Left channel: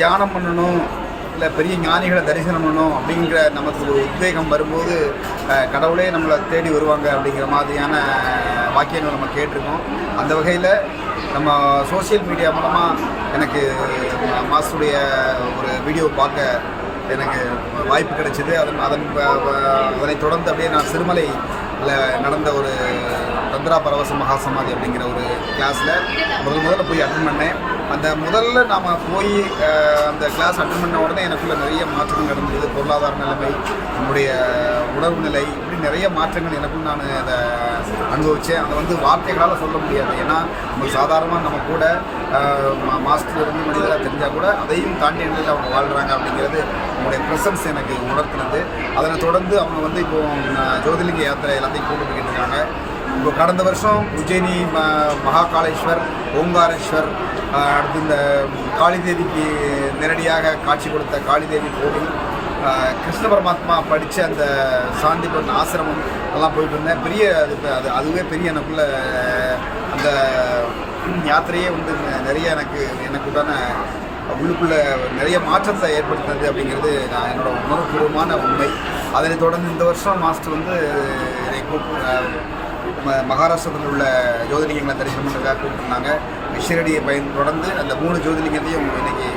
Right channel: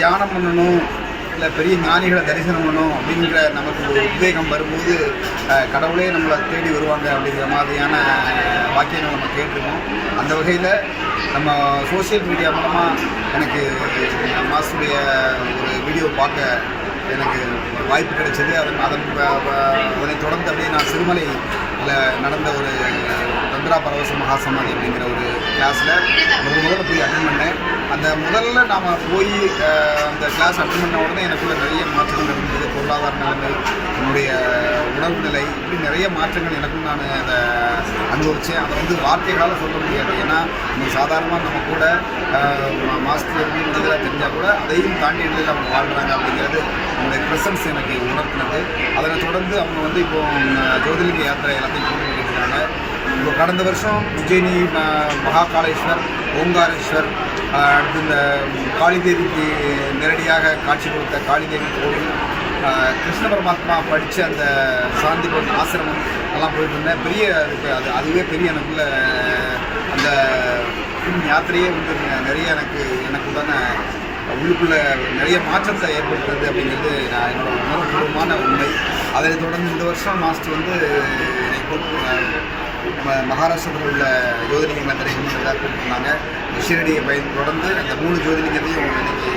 தியானம் பண்ணணும், இல்லை பெரிய ஞானிகளை தரிசனம் பண்ணணும் அப்படிங்கிற நமக்கு ஒரு உத்வேகம் வரும்போது கடவுளே நம்மளை தேடி வருவாங்க அப்படிங்கிற மாதிரியான வாக்கியங்கள் நம்ம கேட்டிருக்கோம். அந்த வகையில் நம்ம சோசியல் மீடியா மூலமாக எனக்கு மாஸ்டருடைய ஒரு வீடியோ பார்க்க எனக்கு வாய்ப்பு கிடைச்சிது. அதனை தொடர்ந்து அப்படியே நான் சிறுமலையில் நடந்த ஒரு தந்திரா பரவச மகாசமாதி அப்படிங்கிற ஒரு கிளாஸில் முதல்ல போய் அட்டன் பண்ணேன். அந்த முதல்ல நாம் போய் அந்த கிளாஸ் அட்டன் பண்ண உடனே எனக்குள்ள நிறைய மாற்றங்கள் நடந்தது. பொருளாதார நிலைமை, நம்முடைய உணர்வு நிலை, இப்படி நிறைய மாற்றங்கள் எனக்கும் நான் அதை அனுபவித்தேன். அதை வந்து வார்த்தைகளால் சொல்ல முடியாது. ஏன்னா நம்ம சாதாரணமாக நம்ம கூட மாஸ்டர் இருந்து மனிதராக தெரிஞ்சால் கூட அதையும் தாண்டி நிலையில் அவங்க வாழ்கிறாங்க அப்படிங்கிறது அவங்களுடைய ப்ரெசன்ஸ் எனக்கு உணர்த்தினது. அதனை தொடர்ந்து அவங்க வந்து இப்போது ஜோதிலிங்க யாத்திரை எல்லாத்தையும் கூட்டிகிட்டு இருக்காங்க. இப்போ கடந்த வருஷம் உஜ்ஜயினி, மகாகாலேஸ்வர், ஓங்காரேஸ்வர், அடுத்து இந்த காளிதேவிக்கு நேரடியாக காட்சி கொடுத்த காளிதேவி கோவில், கிருஷ்ண பரமாத்மா படித்த அந்த சாந்தி பண்ண ஆசிரமம் எல்லாம் போயிட்டு இருந்தேன். பெரிய அதுவே பெரிய எனக்குள்ள அந்த யாத்திரையே வந்து நிறைய எனக்குண்டான உள்ளுக்குள்ளே நிறைய மாற்றத்தை ஏற்படுத்துறது அப்படிங்கிறது நான் என்னோடய உணர்வுபூர்வமான உண்மை. அதனை தொடர்ந்து இந்த வருஷம் மாஸ்டர் வந்து நம்ம மகாராஷ்டிரத்தில் உள்ள ஜோதிலிங்கங்களை தரிசனம் பண்ணுறதுக்காக கூப்பிட்டுருந்தாங்க. ஷிரடியை தொடர்ந்து அந்த 3 ஜோதிலிங்கத்தையும் இன்றைக்கி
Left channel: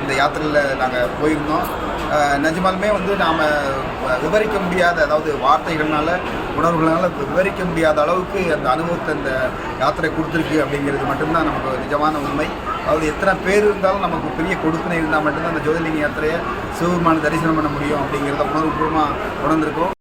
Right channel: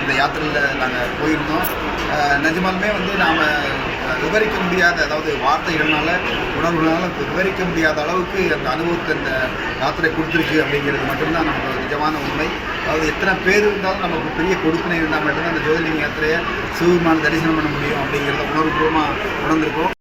இந்த யாத்திரையில் நாங்கள் போயிருந்தோம். நிஜமாலுமே வந்து நாம் விவரிக்க முடியாத, அதாவது வார்த்தைகள்னால உணர்வுகளால் விவரிக்க முடியாத அளவுக்கு அந்த அனுபவத்தை இந்த யாத்திரை கொடுத்துருக்கு அப்படிங்கிறது மட்டும்தான் நமக்கு நிஜமான உண்மை. அதாவது எத்தனை பேர் இருந்தாலும் நமக்கு பெரிய கொடுப்பினை இருந்தால் மட்டும்தான் அந்த ஜோதிலிங்க யாத்திரையை சிவபெருமானை தரிசனம் பண்ண முடியும் அப்படிங்கிறத உணர்வுபூர்வமாக உணர்ந்திருக்கோம்.